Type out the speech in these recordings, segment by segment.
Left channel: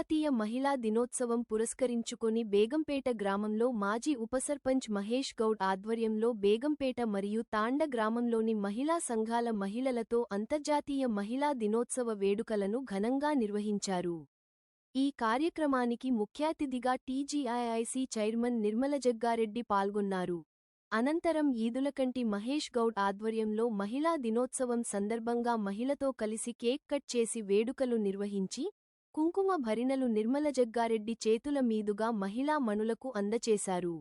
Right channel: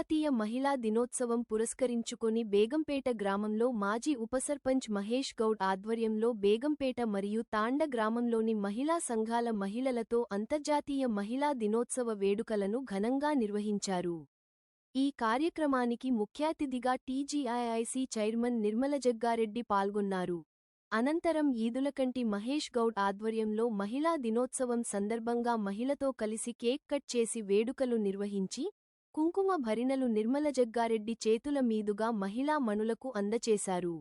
అంతర్జాతీయ మహిళా దినోత్సవం పురస్కరించుకొని బేగంపేట గ్రామంలో మాజీ ఉపసర్పంచ్ మహేష్ గౌడ్ ఆధ్వర్యంలో బేగంపేట మరియు తాండ గ్రామంలోని మహిళా సంఘాల మహిళలతో అంతర్జాతీయ మహిళా దినోత్సవ వేడుకలను ఘనంగా నిర్వహించారు. ఈ కార్యక్రమానికి ముఖ్యాతిథిగా టీజీఐఐసీ చైర్మన్ నిర్మల జగ్గారెడ్డి పాల్గొన్నారు. అనంతరం ఈదులకంటి మహేష్ గౌడ్ ఆధ్వర్యంలో మహిళా దినోత్సవం సందర్భంగా మహిళతో కలిసి కేక్ కట్ చేసి వేడుకలు నిర్వహించి కుంకుమ భరిణలు నిర్మల జగ్గారెడ్డి చేతుల మీదుగా మహిళా మణులకు అందచేశారు.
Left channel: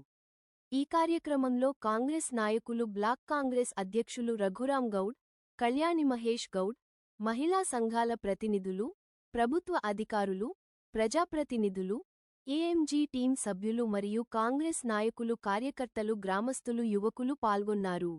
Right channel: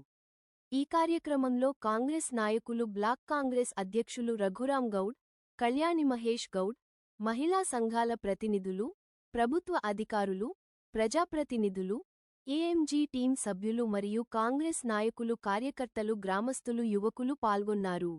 ఈ కార్యక్రమంలో కాంగ్రెస్ నాయకులు బ్లాక్ కాంగ్రెస్ అధ్యక్షులు రఘురాం గౌడ్, కళ్యాణి మహేష్ గౌడ్, మహిళా సంఘాల ప్రతినిధులు, ప్రభుత్వ అధికారులు, ప్రజాప్రతినిధులు, ఏఎంజీ టీం సభ్యులు మరియు కాంగ్రెస్ నాయకులు కార్యకర్తలు గ్రామస్తులు యువకులు పాల్గొన్నారు.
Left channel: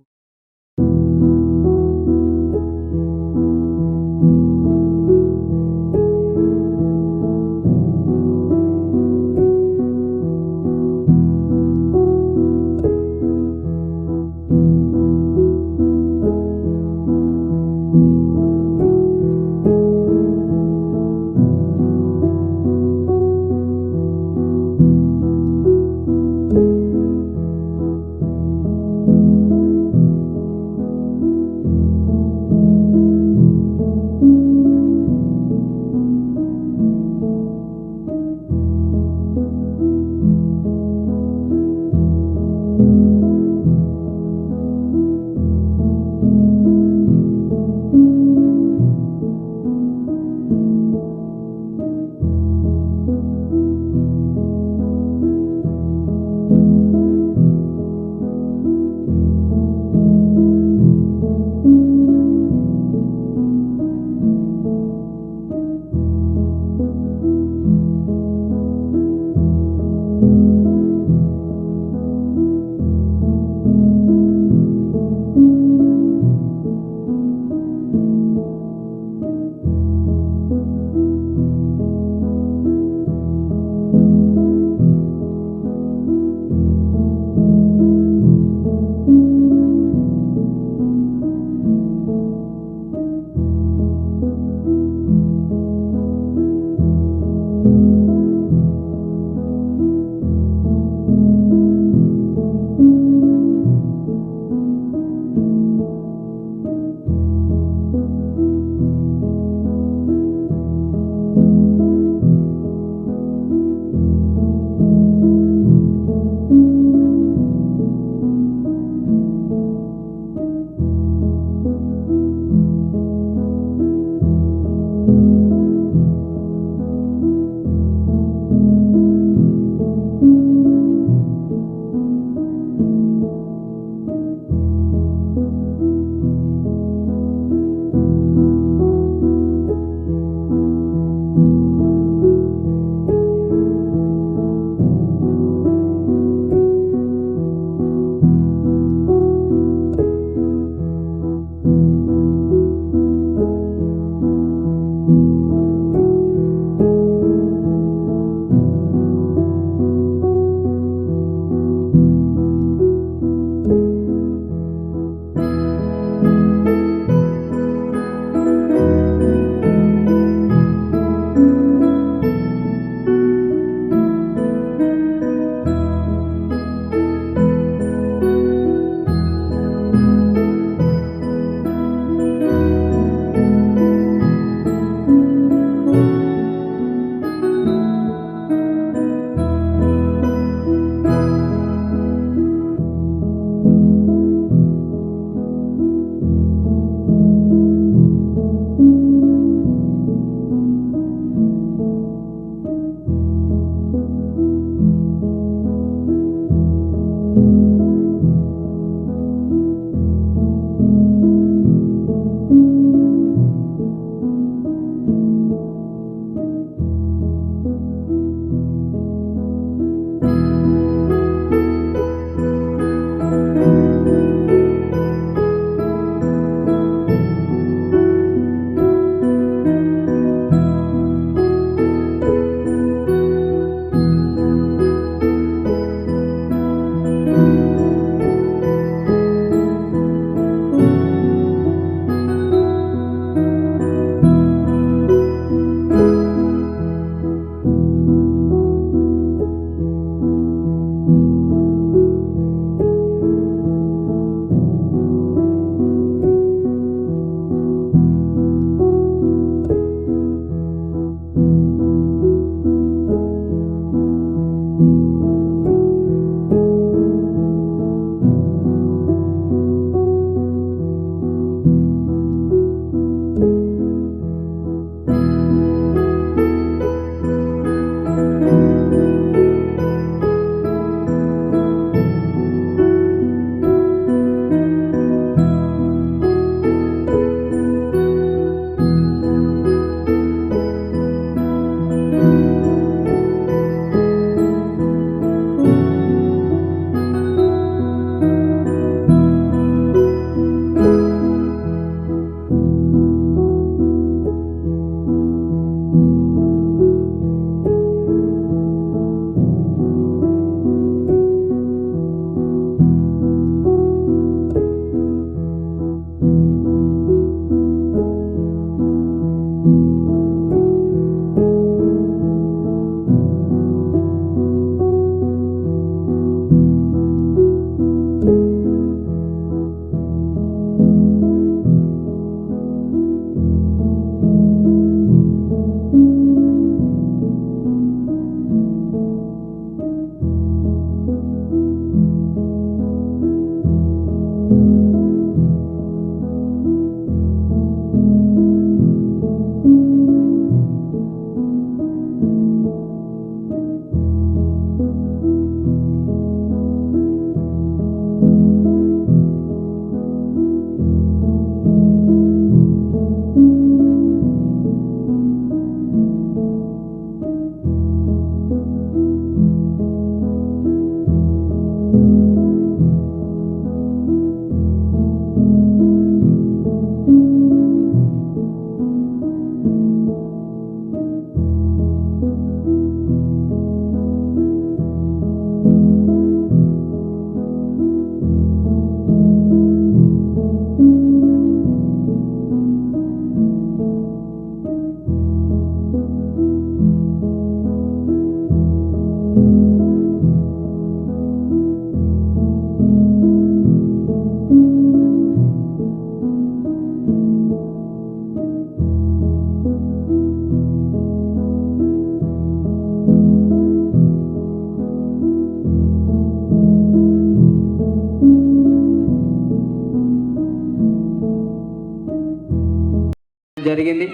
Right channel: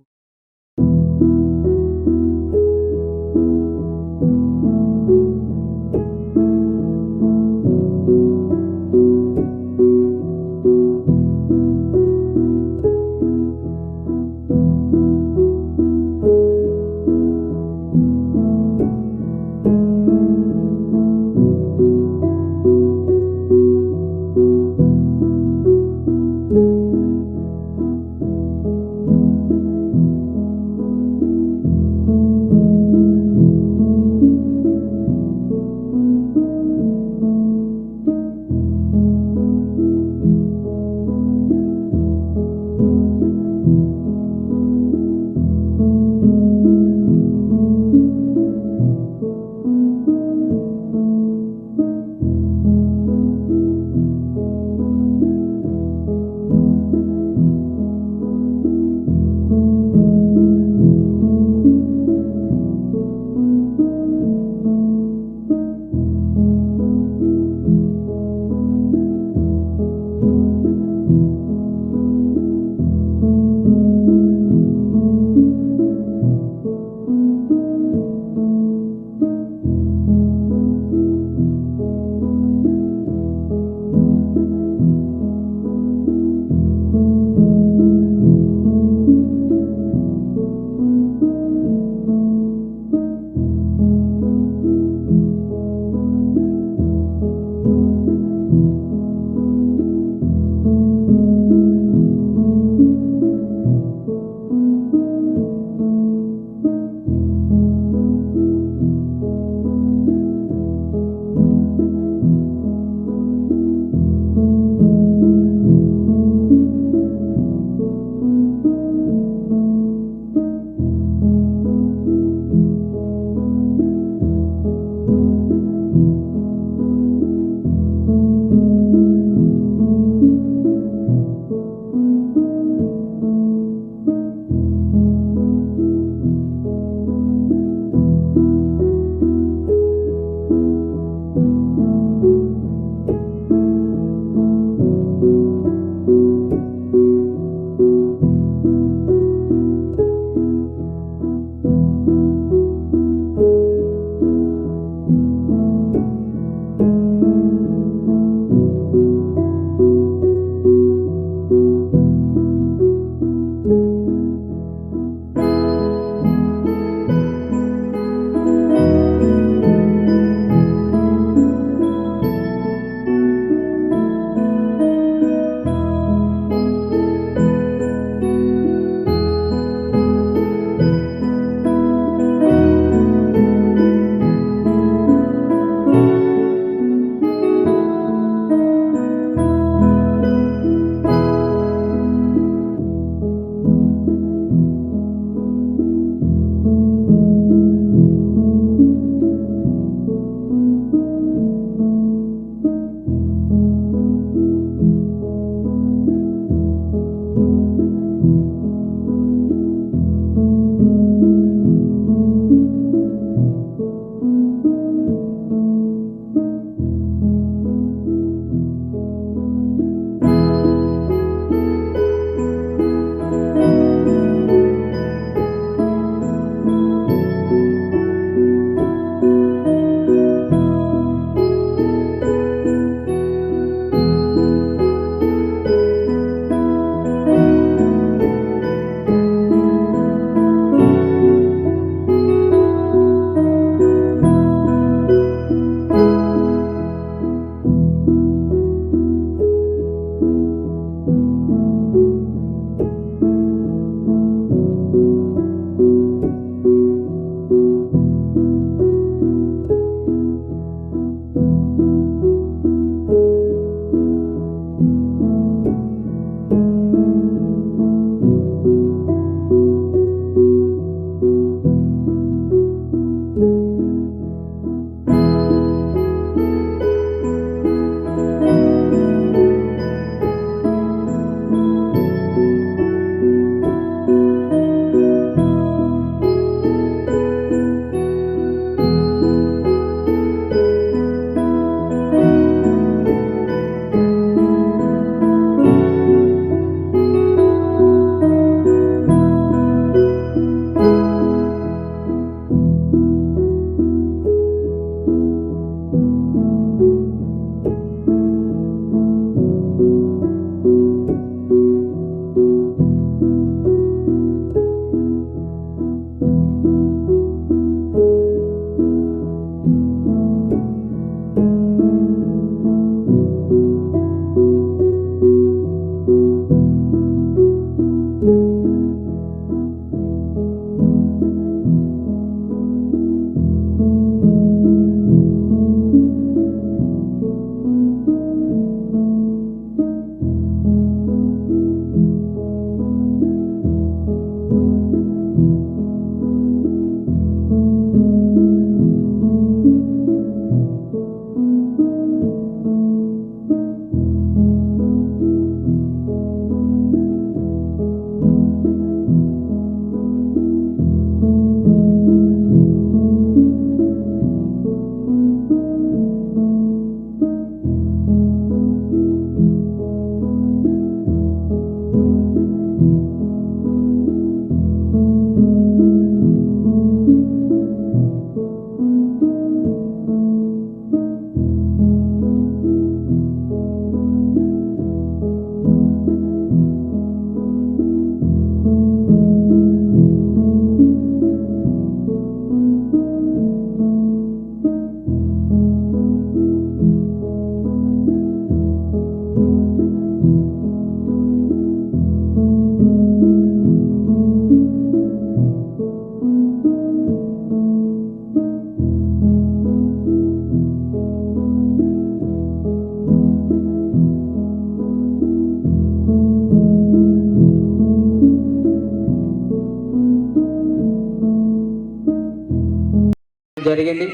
జరిగింది.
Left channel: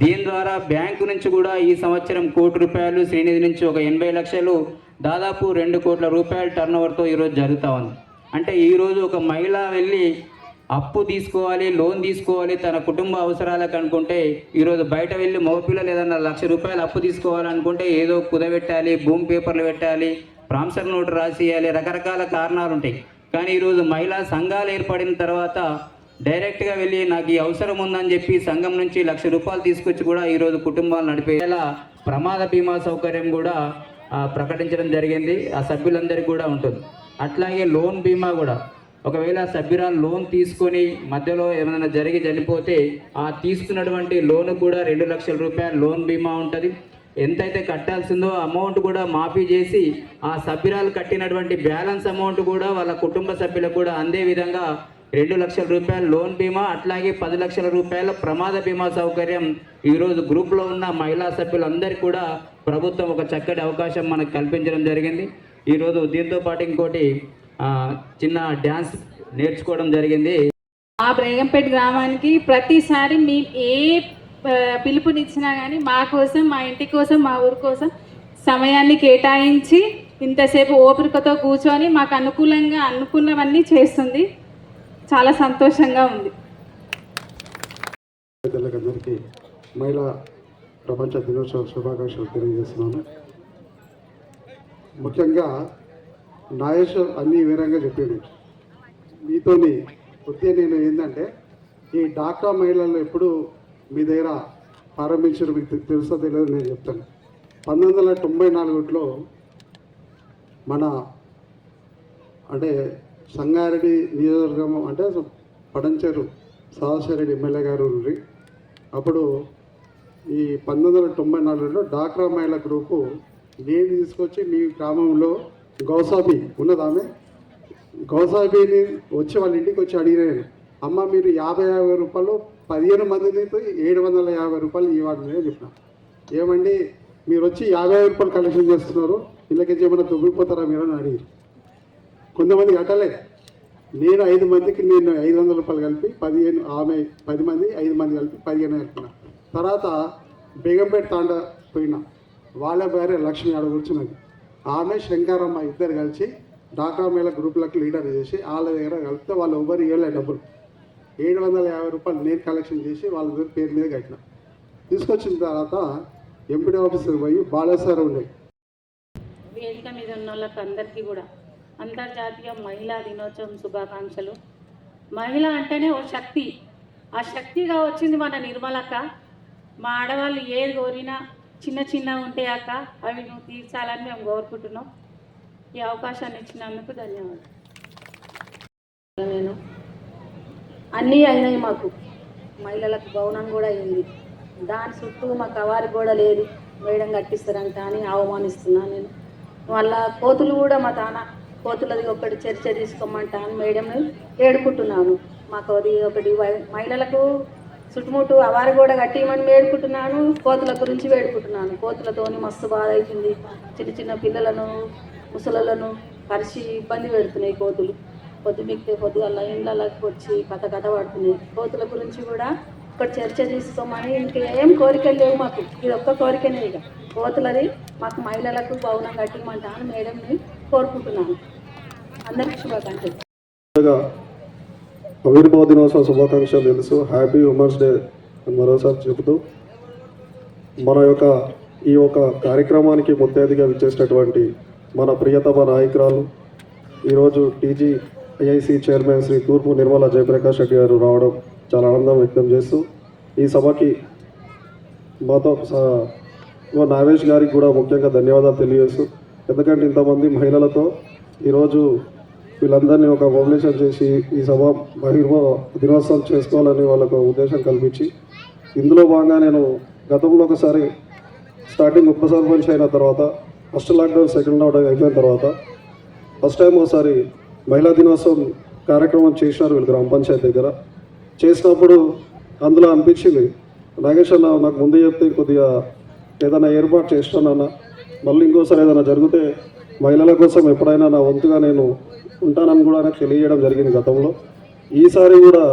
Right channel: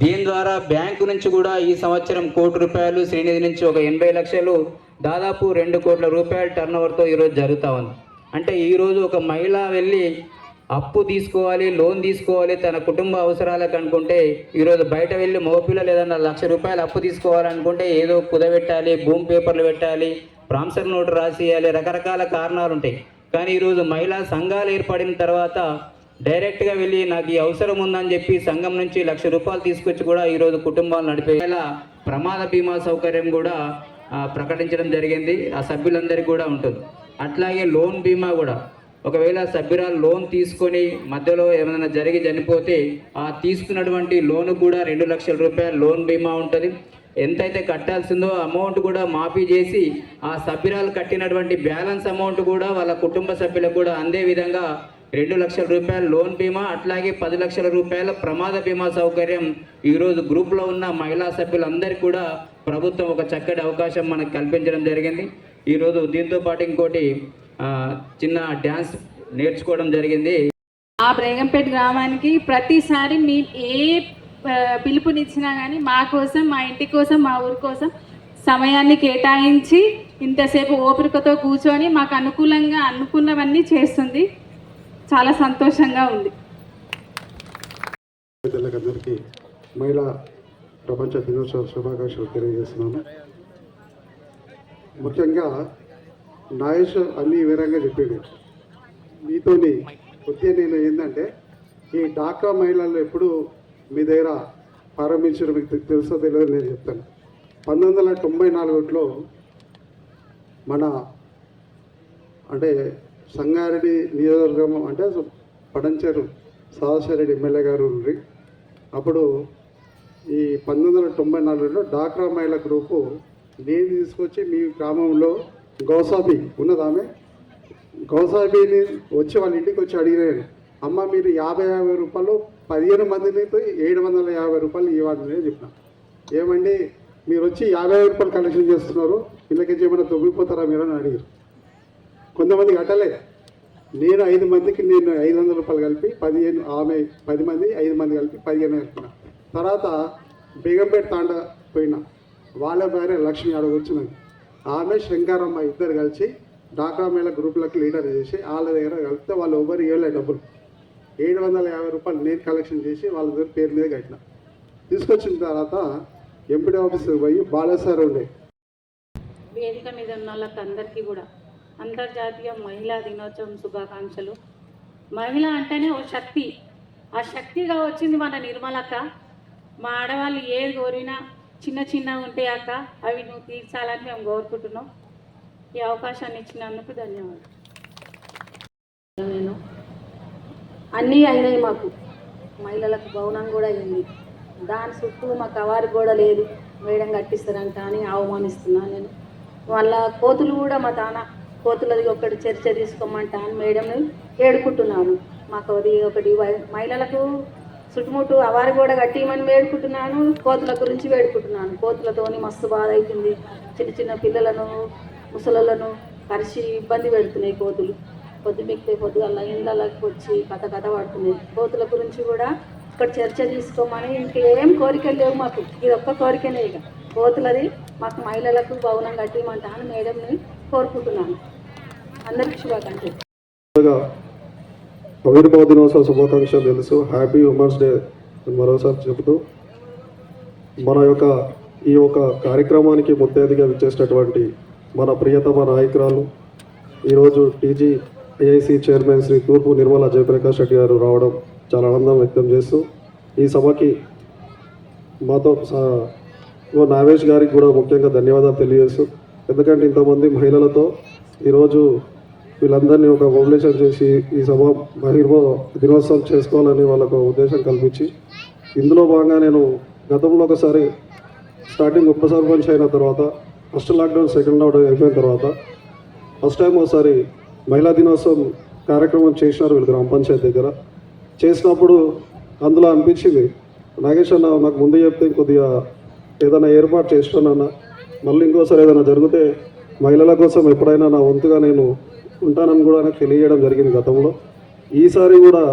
దీని ద్వారా బ్యాంకు నుంచి కూడా ఈ సంవత్సరం ₹1,00,00,000 శ్రీనిధి నుంచి ఒక 80 లక్షలు దాదాపు ₹2 కోట్ల టర్నోవర్తో ఈరోజు జరుగుతూ ఉంది. అంటే ఈరోజు ఒక మహిళ వెళ్ళి అప్పు తీసుకోవాలి, లోన్ తీసుకోవాలి తన కుటుంబ అవసరాలకు అనుకుంటే, ఈరోజు బయట వెళ్ళి మగపిల్లలు ఏదన్నా ₹1,00,000 అప్పు తీసుకోవాలనుకుంటే ఏదో కుదబెట్టాలి, భూమి పేపర్లు పెట్టాలి, ప్రామిసరీ నోటు రాసియాలి, రకరకాల కారణాలు ఉంటాయి. కానీ ఈరోజు మహిళా సంఘాలు ఏర్పడిన తర్వాత డైరెక్ట్గా వెళ్ళి నాకు ఈ అవసరం ఉందని చెప్పి సంఘం నుంచి ₹1,00,000 తీసుకొచ్చి కూడా ఈరోజు కుటుంబాలు నడిపేలా ప్రమాద బీమా సౌకర్యం కూడా ప్రకటించడం జరిగింది. ఆ సభ్యులందరికీ కూడా ఉంటుంది. అట్లాగే లోన్ బీమా కూడా, ఒకవేళ సభ్యురాలు లోన్ తీసుకొని మధ్యలో ఏమైనా జరిగి చనిపోతే ఆ తీసుకున్నటువంటి లోను కూడా ₹2,00,000 లోన్ బీమా ఉంటుంది. ఎంతైతే కట్టాల్సిందో అమౌంట్ కూడా మాఫీ చేసి ఆ సభ్యురాలు కట్టినటువంటి బ్యాలెన్స్ అమౌంట్ కూడా వాళ్ళ కుటుంబ సభ్యులకు కూడా అందే విధంగా ₹2,00,000 లోన్ బీమా, అట్లాగే ₹10,00,000 ప్రమాద బీమా సౌకర్యం ఈరోజు గ్రూప్లో ఉన్న మహిళా సభ్యులందరికీ కూడా ప్రభుత్వం ఒక చక్కటి అవకాశం మనకు కల్పించడం జరిగింది. ఈరోజు దీంతో పాటు ఇంకోటి చిన్న డ్యాన్స్ నేర్చుకోవడం జరిగింది. ఆ బేగంపేట గ్రామానికి ప్రతిసారి మేము ఏ పిలుపునిచ్చినా కానీ మా కోసం, మా ఇంటి కోసం, మా ఊరి కోసం సమయాన్ని కేటాయించి ఇంతసేపు ఓపికతో కూర్చొని మాకు అనుకూలంగా అనుకున్నవన్నీ చేస్తుంది. చాలా సంతోషంగా ఉంది. అందరికీ మహిళా ప్రపంచ దినోత్సవ శుభాకాంక్షలు తెలియజేస్తున్నాను. ముఖ్యంగా నాగేష్ అన్ని వివరంగా చెప్పాడు. మీతోని కొద్దిగా నేను ఏంటంటే, ఈ డాక్రా మహిళలు ఎప్పుడు మీ దగ్గర ప్రారంభించడం మీకు తెలుసో తెలియదు నేను చెప్తాను. 1994లో మన అంటే సంగారెడ్డి నియోజకవర్గం అంటే పడంచేరు సదాశివరెడ్డి ఎమ్మెల్యే గారు ఉండ్రి. అప్పుడు ఈ 1994లో డాక్రా మహిళా గ్రూపు నేను తీసుకొచ్చి మీ గ్రామంలో గౌసాబీ ఉన్నది, ఆమె గౌసాబీని వచ్చి వాళ్ళ ఇంటికి వచ్చి అడిగినాను, అమ్మ మీరు 50 రూపాయలు 15 మందిని ₹750 ఇవ్వండి అని చెప్పిన. ఏమండి మీరు వచ్చి ₹50 కలెక్షన్ చేస్తున్నారు, ఇళ్ళకి ఏమైనా తొమ్మిపోతారా మీరు అని అడిగారు. కొంతమంది కట్టలేదు. నేను 5 మందికి నేను ₹500 కలిపి 15, ఆమె 10 మంది 5 మంది కలిపి 15 కలిపిన. తర్వాత బేగంపేట తాండా పోయినా, వాళ్ళ భార్య లక్ష్మి ఆడ కూర్చున్నది, ఆమె శంకరమ్మ ఇద్దరు కలిసి డాక్రా మహిళా గ్రూపులకు లీడర్ చేసి వాళ్ళ దగ్గర కలిపితే వాళ్ళు ఎవరు ఇవ్వలే డబ్బులు. ₹750 నేను కలెక్షన్ చేసి వాళ్ళ దగ్గర పేరు మీద కట్టిన. తీసుకొచ్చిన తర్వాత ఎంపీడీ ఆఫీస్కి పోయి బాలేశ్వరం ఉండే. వేదిక మీద ఉన్న వాళ్ళకి అందరికీ కూడా అంతర్జాతీయ మహిళా దినోత్సవం శుభాకాంక్షలు. మహిళ అంటేనే ఓ శక్తి. ఆ శక్తిగా వచ్చింది మన నిర్మలక్క. మా ఆడవాళ్ళు ఏది కోరినా చిన్న చిన్న ఉంటే అక్క అవి నువ్వు తీర్చాలని మేము కోరుకుంటున్నాం. ఈ అవకాశాన్ని ఇచ్చినందుకు ధన్యవాదాలు. నేను అన్నీ అయినాయి, మాకు మహిళలకు భవనం కూడా అయింది. దాని చుట్టూ మాకు కవారి కూడా లేదు, మేడం కట్టిస్తారంట అని అవమానిస్తున్నాను నేను. వాళ్ళ కోతులు కూడా మా తాన కోతులది ఒకటి చర్చ తీసుకోమంటా అని మేడంని ఏడుకుంటున్నాను. మాకు అది ఒకటి మహిళలకు చుట్టుముట్టు అవారి కూడా కట్టిమని వేడుకుంటున్నాను. కోతుల గురించి వేడుకుంటున్నాను. కోతులతోని మస్తు బాధ అవుతుంది. చిన్న చిన్న పిల్లలను ముసలను కరిచి ఇబ్బంది పెడుతున్నాయి కోతులు. పొద్దుమిక్తే పొద్దుగల ఇండ్లకి వచ్చి కథ పడుతున్నాయి. కోతుల గురించి కూడా ఒక చర్చ తీసుకోమని ఇంకేం కోరికలు లేవు మాకు. ఇది ఒక్క కోరికనే, ఇక కోతులది మాకు మహిళలకు భవనం కట్టిమంటా అని మేడంని కోరుకుంటున్నాను. అందరికీ శుభాకాంక్షలు. ఆవిర్భావ దినోత్సవ శుభాకాంక్షలు తెలుసు. హ్యాపీ ఉమెన్స్ డే మరోసారి చెబుతూ మన యొక్క ఈ యొక్క కార్యక్రమానికి ముత్తైదుగా విచ్చేసినటువంటి మన ప్రియతమ నాయకురాలు, ఈరోజు TGIC చైర్మన్ శ్రీ తూర్పు నిర్మల జయప్రకాష్ రెడ్డి గారు రావడం చాలా ఆనందం వ్యక్తం చేస్తూ, ఈ సభకి మాతో నాగేష్ గారికి కూడా ముఖ్యంగా ధన్యవాదాలు తెలియజేస్తూ, ఎందుకంటే ఇంతమంది మహిళలతో ఈరోజు వీళ్ళందరినీ ఒక మొబిలైజేషన్ చేసి ఈ సభ దినోత్సవం చేసుకోవాలని వాళ్ళకు ఉద్దేశం కల్పించి, ఇందులో భాగంగా నేను గతంలో ఒకసారి స్టార్టింగ్ ఉప సర్పంచ్ అయిన తర్వాత ఫస్ట్ లాక్డౌన్ సెకండ్ లాక్డౌన్ అయిపోయిన తర్వాత ఫస్ట్ టైం ఒకసారి మహిళా దినోత్సవం కార్యక్రమం చేసినారు వీళ్ళు గ్రామ పంచాయతీ దగ్గర. చేసినప్పుడు అందులో అనిపించింది, నాగేష్ అన్న నాకు ముందు చెప్తే కొద్దిగా ఏదైనా ఏర్పాటు చేస్తానన్న, మళ్ళీ ఇంకోసారి ఏదైనా జరిగితే మహిళల కోసం ఎప్పుడైనా నా వంతుగా నేను ఉంటానని కూడా నాకు తెలియజేయడం జరిగింది గతంలో. ఈసారి కూడా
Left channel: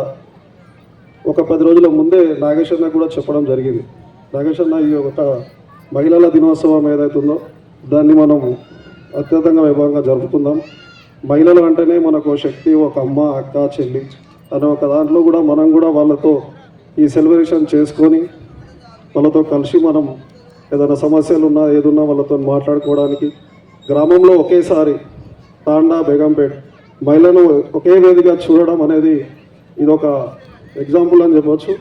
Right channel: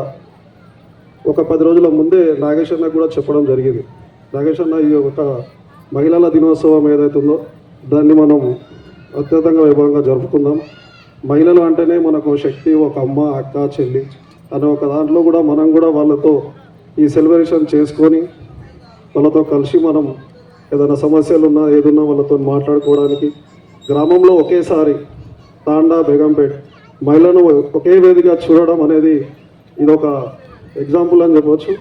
ఒక 10 రోజుల ముందే నాగేష్ అన్న కూడా చెప్పడం జరిగింది. నాగేష్ అన్న ఈ ఒక మహిళల దినోత్సవం ఏదైతుందో దాన్ని మనం అత్యంతంగా వైభవంగా జరుపుకుందాం. మహిళలు అంటేనే మనకు శక్తి, ఒక అమ్మ, అక్క, చెల్లి అనే ఒక దాంట్లో కూడా మనం కూడా వాళ్ళతో ఈ సెలబ్రేషన్ చేసుకొని వాళ్ళతో కలిసి మనం ఏదైనా సమస్యలు ఉన్నా ఏదున్నా వాళ్ళతో మాట్లాడుకోవడానికి గ్రామంలో ఒకేసారి తాండా, బేగంపేట్ మహిళలను ఒకే వేదిగా చూడడం అనేది ఇదొక ఎగ్జాంపుల్ అని చెప్పవచ్చు.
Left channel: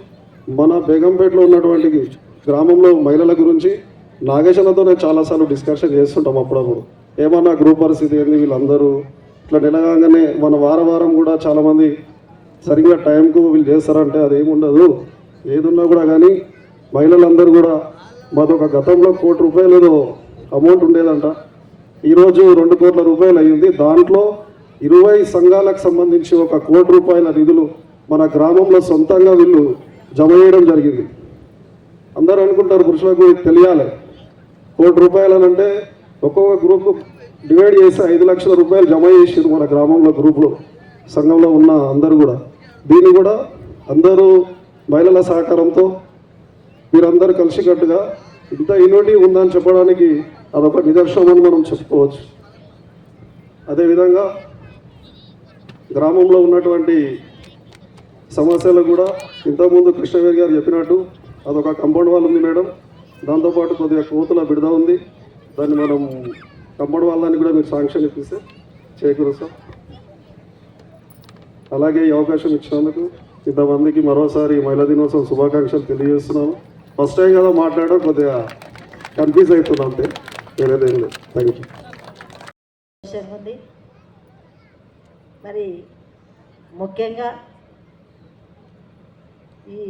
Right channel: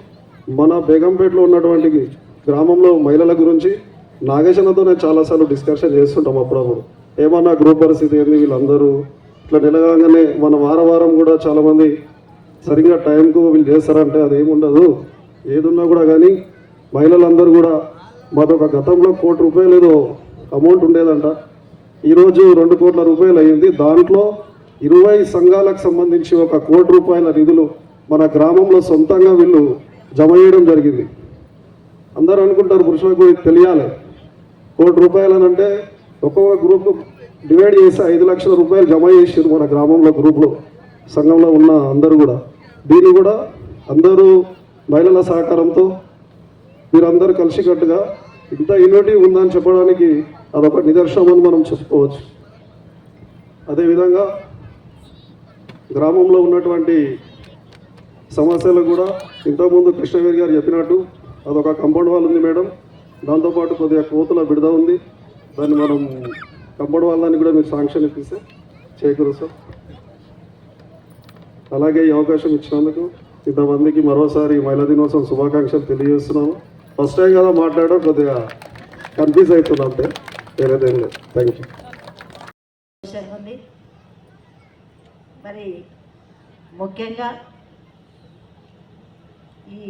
మన బేగంపేటలో ఉన్నటువంటి గ్రామంలో మహిళల గురించి నాగేశన్నతో నేను చాలాసార్లు డిస్కషన్ చేస్తుంటాం. అప్పుడప్పుడు ఏమన్నా గ్రూప్ పరిస్థితి ఏంది, వీళ్ళందరూ ఇట్లా నిలగానే మన వారం కూడా చాలామంది సరిగ్గా టైంకు వీళ్ళు చేస్తారంటే అదేముండదు. ఏదున్నా కూడా కానీ మహిళలందరూ కూడా మాదొక గతంలో ₹1 ఏదో అమౌంట్ ఉండేదంట. ఈరోజు ₹2 కోట్ల అయ్యింది. దాంట్లో 20 సంఘాలకు సంబంధించి ₹1 కోటి నిధులు మన గ్రామంలో సొంతంగా వీళ్ళు జమ చేయడం జరిగింది. అందరూ అనుకుంటారు పురుషులకు తెలియాలి, ₹1 అని అంటే ఒక్కొక్క గ్రూప్ డివైడ్ చేసి ₹5 లక్షల జమ చేసారు మన గ్రామంలో గ్రూప్లో సంఘంలో ఉన్న అందరూ కూడా. దీన్ని కూడా అందరూ మహిళల సహకారంతో మీరందరూ కలిసికట్టుగా ఇంత యూనిటీ ఉందని చెప్పడానికి అదొక నిదర్శనం అని మనం చెప్పుకోవచ్చు. అదేవిధంగా గ్రామంలో ఉన్నటువంటి సమస్యలు కూడా ఇంతకుముందు కృష్ణవేర్ గారు చెప్పినట్టు అదొక కంపౌండ్ వాల్ ఉంది మేడం. దాంతోపాటు కొద్దిగా కోతుల బిడద ఉంది. దాన్ని మనం కంపౌండ్ వాళ్ళని కూడా మీరు శాంక్షన్ ఇప్పిస్తే చేకూరు సార్. అలాగే ఈ అవకాశం ఇచ్చినందుకు ఇంతమందికి మరోసారి మహిళా దినోత్సవం శుభాకాంక్షలు తెలియజేస్తున్నాను. ఫస్ట్ టైం కదా మాట్లాడడం కొద్దిగా కన్ఫ్యూజ్ అవుతున్నా, అంతే, వేరేదేం లేదు. Thank you. ఉంది. మరి ముఖ్యంగా ఈ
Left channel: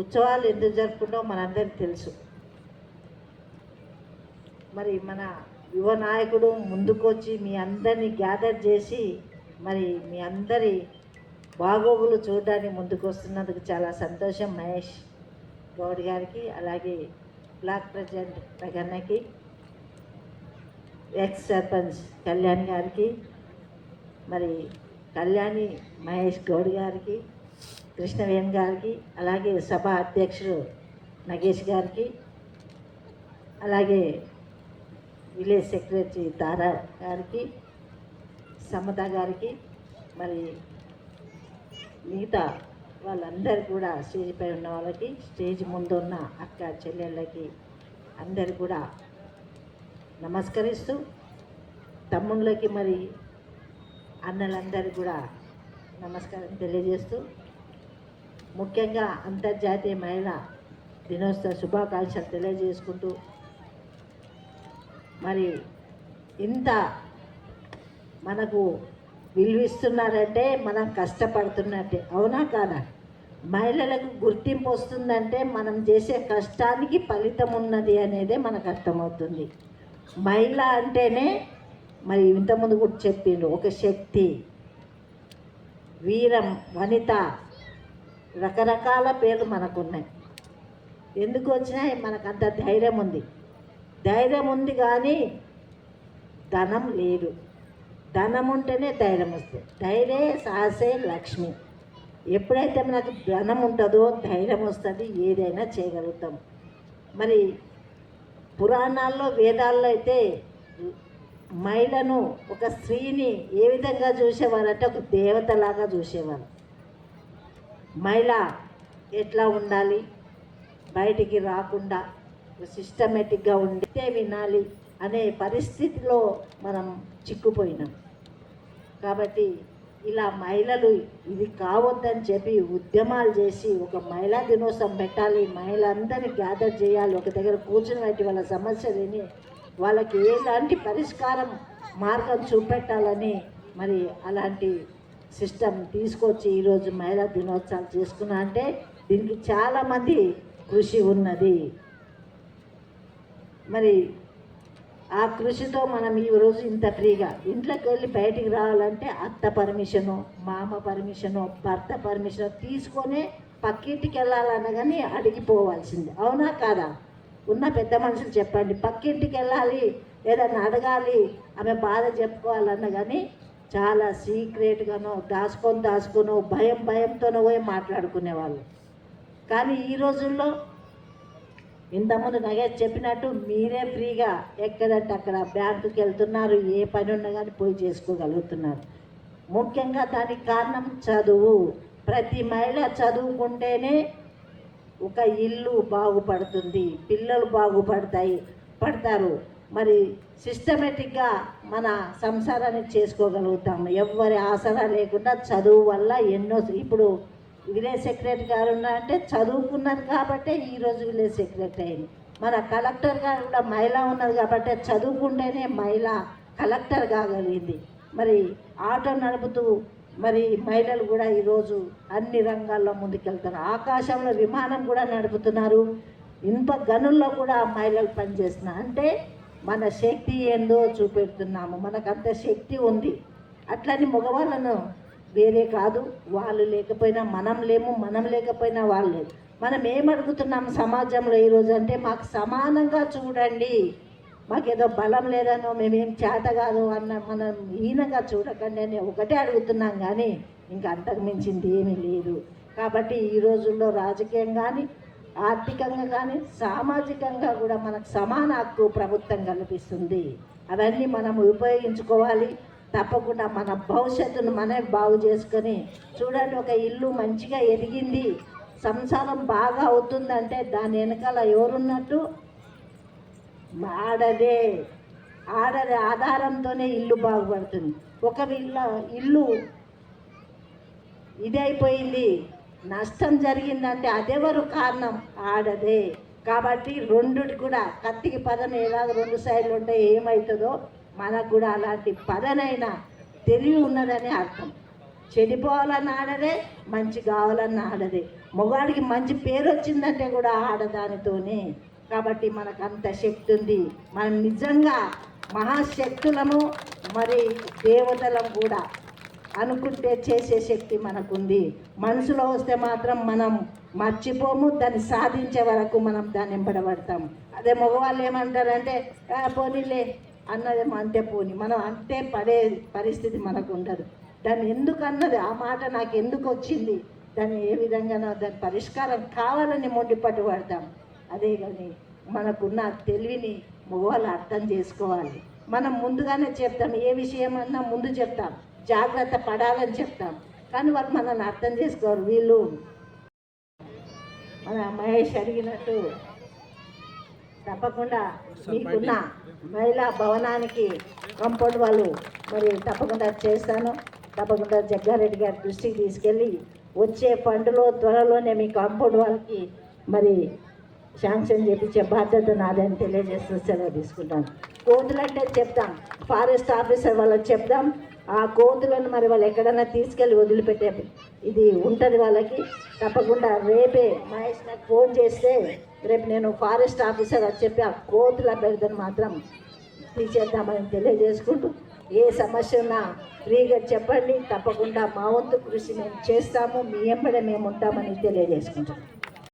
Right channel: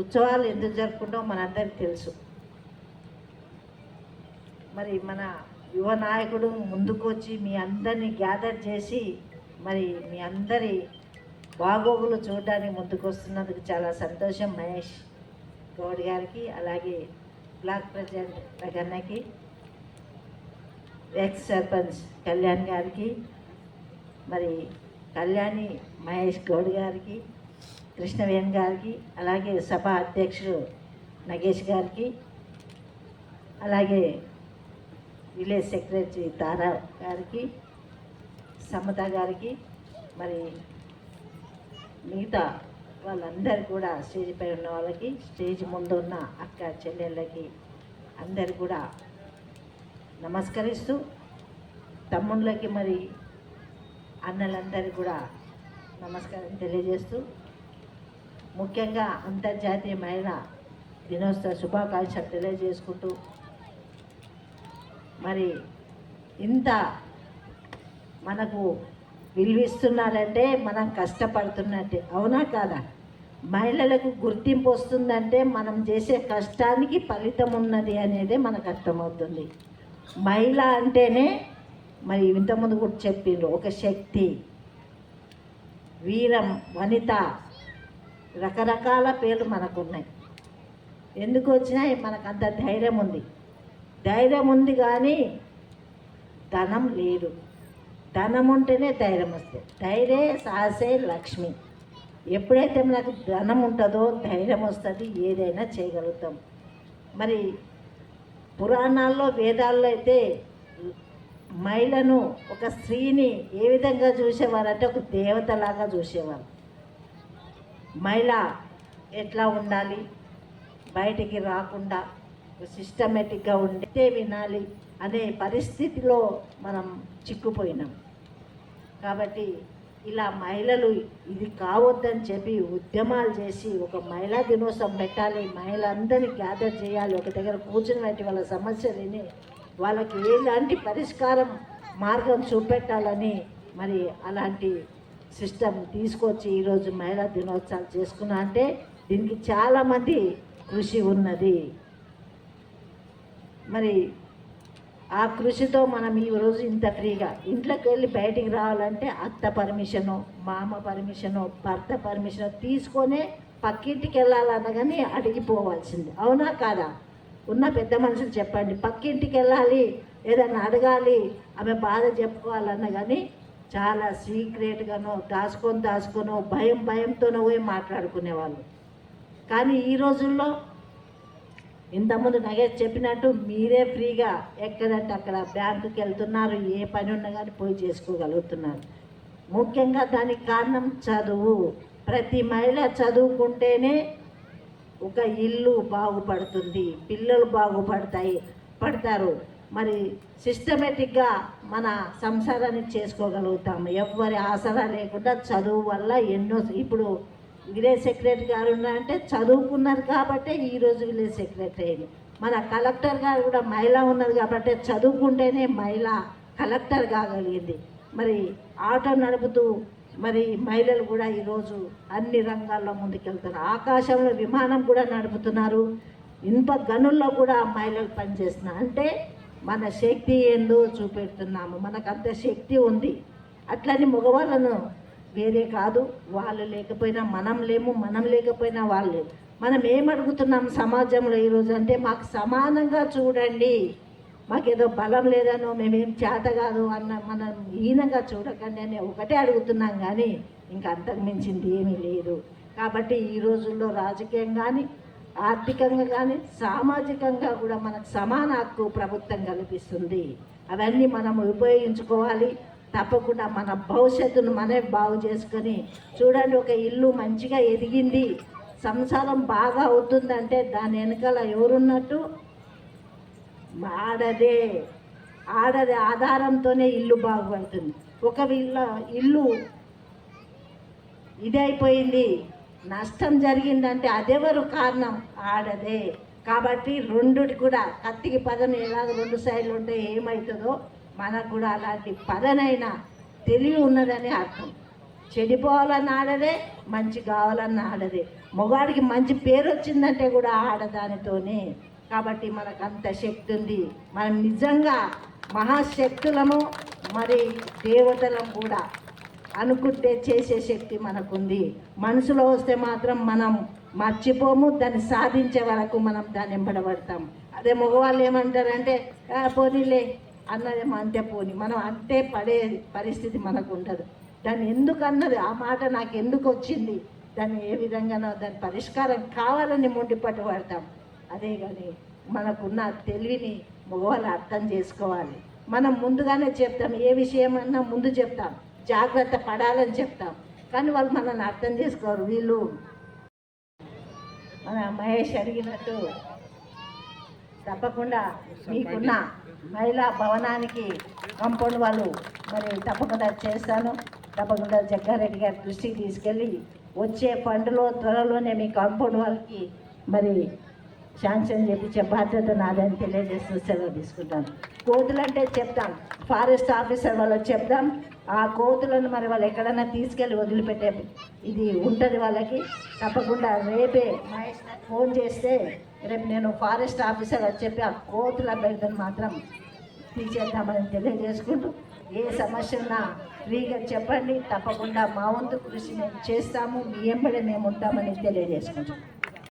ఉత్సవాలు ఎందుకు జరుపుకుంటామో మనందరికీ తెలుసు. మరి మన యువ నాయకుడు ముందుకొచ్చి మీ అందరినీ గ్యాదర్ చేసి మరి మీ అందరి బాగోగులు చూడడానికి ముందుకు వస్తున్నందుకు చాలా సంతోషం. మహేష్ గౌడ్ గారికి, అలాగే బ్లాక్ ప్రెసిడెంట్ రగన్నకి, ఎక్స్ సర్పంచ్ కళ్యాణ్ గారికి, మరి కళ్యాణి మహేష్ గౌడ్ గారికి, కృష్ణవేణి గారికి, అలాగే సభ అధ్యక్షుడు నగేష్ గారికి, అలాగే విలేజ్ సెక్రటరీ తారా గారికి, సమత గారికి, మరి మిగతా వాళ్ళందరూ కూడా స్టేజ్ పై ఉన్న వాళ్ళకి, స్టేజ్ ముందు ఉన్న అక్క చెల్లెళ్ళకి అందరు కూడా నమస్కరిస్తూ, తమ్ముళ్ళకి మరి అన్నలందరూ కూడా నమస్కారం తెలియజేస్తూ, ముఖ్యంగా అంతర్జాతీయ మహిళా దినోత్సవ శుభాకాంక్షలు తెలియజేసుకుంటూ, మరి ఇంత మనకు విలువిస్తున్నారంటే మనం కష్టపడుతున్నట్టే, అవునా కాదా? మహిళలకు గుర్తింపు వస్తుందంటే మనం చేసే కష్టానికి ఫలితం ఉన్నది అనేది మనకు అర్థమవుతుంది. మహిళ అంటేనే మరి ఇంతకుముందు కూడా చెప్పిండ్రు, ఒక శక్తి, వీరం, వనిత, రకరకాల పేర్లు మనకున్నాయి. ఎందుకు వచ్చినాయి? మనకు అంత ధైర్యం ఉంది. ధైర్యం ఉంది కానీ ధనం లేదు. ధనం ఉంటేనే ధైర్యం వస్తుంది. ధైర్యే సాహసే లక్ష్మి. ఎప్పుడైతే మనకు ధనం ఉంటుందో ధైర్యం వస్తుంది, ఏదైనా చేయగలుగుతాం. మరి పురాణాల్లో, వేదాల్లో అయితే మహిళను, ఒక స్త్రీని ఏ విధంగా చూసేవారంటే ఒక దేవతలాగా చూసేవారు. మహిళ ఎట్లా ఉండాలి, బయటికి రాకుండా సిస్టమేటిక్గా ఉండితే వినాలి అనే పరిస్థితిలో మనం చిక్కుపోయినాం. కాబట్టి ఇలా మహిళలు ఇది కావద్దని చెప్పి ఉద్యమాలు చేసి ఒక మహిళా దినోత్సవం పెట్టాలి, మహిళలందరినీ గ్యాదర్ చేయాలి, ఒక దగ్గర కూర్చొని పెట్టి వాళ్ళ సమస్యలని, వాళ్ళకి ఎలాంటి పరిష్కారం మార్గం చూపెట్టాలని మరి అలాంటి సిస్టమ్ తీసుకొచ్చి ఈరోజు మహిళా దినోత్సవం చేసుకున్నా అంటే దీనికి చాలామంది కృషి ఉన్నది. మరి ఆ కృషితో మనం ఈరోజు ఇంత ఫ్రీగా ఇంట్లోకి వెళ్ళి బయటికి రావాలంటే అత్త పర్మిషను, మామ పర్మిషను, భర్త పర్మిషన్ తీసుకొనే పక్కింటికి వెళ్ళాలన్నా కానీ అడిగిపోవాల్సింది, అవునా కాదా? ఉన్న పెద్ద మనుషులు చెప్పండి, పక్కింటికి వెళ్ళాలి, ఏదైనా అడగాలి, ఆమె బాధ చెప్పుకోవాలన్నా కానీ చాలా సీక్రెట్గానో దాచుకొని భయంతోనో పోయి మాట్లాడుకునేవాళ్ళు. కానీ ఈ రోజుల్లో ఇంతకుముందు నగేష్ చెప్పినట్టు మీరే ఫ్రీగా ఎక్కడంటే అక్కడ బ్యాంకుకి వెళ్తున్నారు, ఏ పని ఉన్నా కానీ పోయి చేసుకోగలుగుతున్నారు. ముఖ్యంగా దానికి కారణం చదువు. ప్రతి మహిళ చదువుకుంటేనే ఒక ఇల్లు బాగుపడుతుంది, పిల్లలు పడతారు. మరి సిస్టమేటిక్గా మన సంసారాన్ని చేసుకోగలుగుతాము. ఎవరి ఆసరా లేకుండా చదువు వల్ల ఎన్నో, ఇప్పుడు విలేజ్ సెక్రటరీ గారు ఉన్నారంటే చదువుకున్నారు కాబట్టే ఈరోజు విలేజ్ సెక్రటరీ అయింది. మన కలెక్టర్ గారు కూడా మహిళ ఉన్నారు కాబట్టి చదువుకుంటేనే మహిళ కలెక్టర్ కాగలిగింది. మరి ఆటో నడుపుతూ మరి మహిళలు కూడా ఈరోజు అన్ని రంగాల్లో ముందుకెళ్తారు. ఆకాశంలో విమానం కూడా నడుపుతున్నారు, ఇనుప గనుల్లో కూడా మహిళలు పనిచేస్తున్నారు. అంటే మన శక్తి ఏందో చూపెడుతున్నాము, మనకంత శక్తి ఉంది. అట్లని మగవాళ్ళను వేరే కాదు, వాళ్ళు లేకపోయినా మనం లేము, మనం లేకపోయినా వాళ్ళు. మనం ఏమడుగుతున్నాం సమాజంలో ఈరోజు అంటే మాకు సమానంగా చూడండి, మాకేదో బలం లేదనో మేమేం చేత కాదు అన్న మనం హీనంగా చూడకండి అని ఒకటే అడుగుతున్నాం. కానీ ఇంకా అంతకు మించింది ఏమీ లేదు. కాబట్టి ఈ రోజుల్లో రాజకీయం కానీ, ఆర్థికంగా కానీ, సామాజికంగా కూడా మనకు సమాన హక్కు ప్రభుత్వం కల్పిస్తుంది. అవన్నీ మనం ఉపయోగించుకోవాలి. తప్పకుండా మన భవిష్యత్తును మనమే బాగు చేసుకొని చూడండి. ఒక ఇల్లు మంచిగా ఎదిగింది, సంసారం బాగా అవుతుందంటే దాని వెనకాల ఎవరున్నట్టు? ఆడదే ఆధారంతోనే ఇల్లు బాగుపడుతుంది. ఒకవేళ ఇల్లు ఇదైపోయింది, నష్టం జరిగిందంటే అదెవరు కారణం? ఆడదే. కాబట్టి రెండుటి కూడా కత్తికి పదన ఎలాగ రెండు సైడ్లు ఉంటే ఏమవుతుందో మనకు కూడా అలాంటి పదనైనా తెలివి ఉన్నదని అర్థం. చెడిపోవాలన్న ఆడదే, మంచి కావాలన్న ఆడదే. మగవాడికి మంచి పేరు వచ్చిందంటే కూడా ఆడదానితోనే. కాబట్టి మనకు అంత శక్తి ఉంది. మనం నిజంగా మహాశక్తులను మరి దేవతలను కూడా అనుకుంటే చేసే శక్తి మనకుంది. మనసులో వస్తే మాత్రం మనం మర్చిపోము, దాన్ని సాధించే వరకు మనం దాన్ని వెంబడబడతాం. అదే మగవాళ్ళు ఏమంటారంటే పోనీలే అన్నది అంతే, పోని మనం అంతే పడే పరిస్థితి మనకు ఉండదు. దాన్ని ఎందుకు అన్నది, ఆ మాట నాకు ఎందుకు వచ్చింది, దాన్ని ఏ విధంగా దాని పరిష్కారం కావాలని మొండిపట్టు పడతాం. అదే కానీ మనకున్న తెలివిని మగవాళ్ళు అర్థం చేసుకోవాలి. మనం ముందుగానే చెప్తాం, ఏ విషయమన్నా ముందు చెప్తాం, జాగ్రత్త పడాలని చెప్తాం. కానీ వాళ్ళు మనల్ని అర్థం చేసుకోరు. వీళ్ళు మన మహేష్ అడిగినట్టు తప్పకుండా మీకున్న మహిళా భవనానికి కంపౌండ్ వాళ్ళు మరి తప్పకుండా చేస్తాను. తప్పకుండా జగ్గారెడ్డి గారి దృష్టికి తీసుకెళ్ళి వచ్చే ఫండ్లో త్వరలోనే మీ కాంపౌండ్ వాళ్ళకి మరి శాంక్షన్ చేయించే బాధ్యత నాదని తెలియజేస్తూ సెలవు తీసుకుంటాను. కోతులంటే చెప్తాం, ఫారెస్ట్ ఆఫీసర్ వాళ్ళకి చెప్తాం. ఆ కోతులను మరి వాళ్ళు ఎక్కడైనా తీసుకెళ్ళి వదిలిపెట్టే ఇది ఉంటుంది వాళ్ళకి. తప్పకుండా రేపే మహేష్ నాకు ఫోన్ చేస్తే రేపు నేను ఫారెస్ట్ ఆఫీసర్ అని చెప్పి ఆ కోతుల బెడదను మాత్రం తీసేద్దామని తెలియజేసుకుంటూ, ఏ సమస్య ఉన్నా ఫ్రీగా చెప్పండి. తప్పకుండా మా వంతు కృషి మేము చేస్తాము, మీ వెంబడే మేము ఉంటామని తెలియజేసుకుంటాం.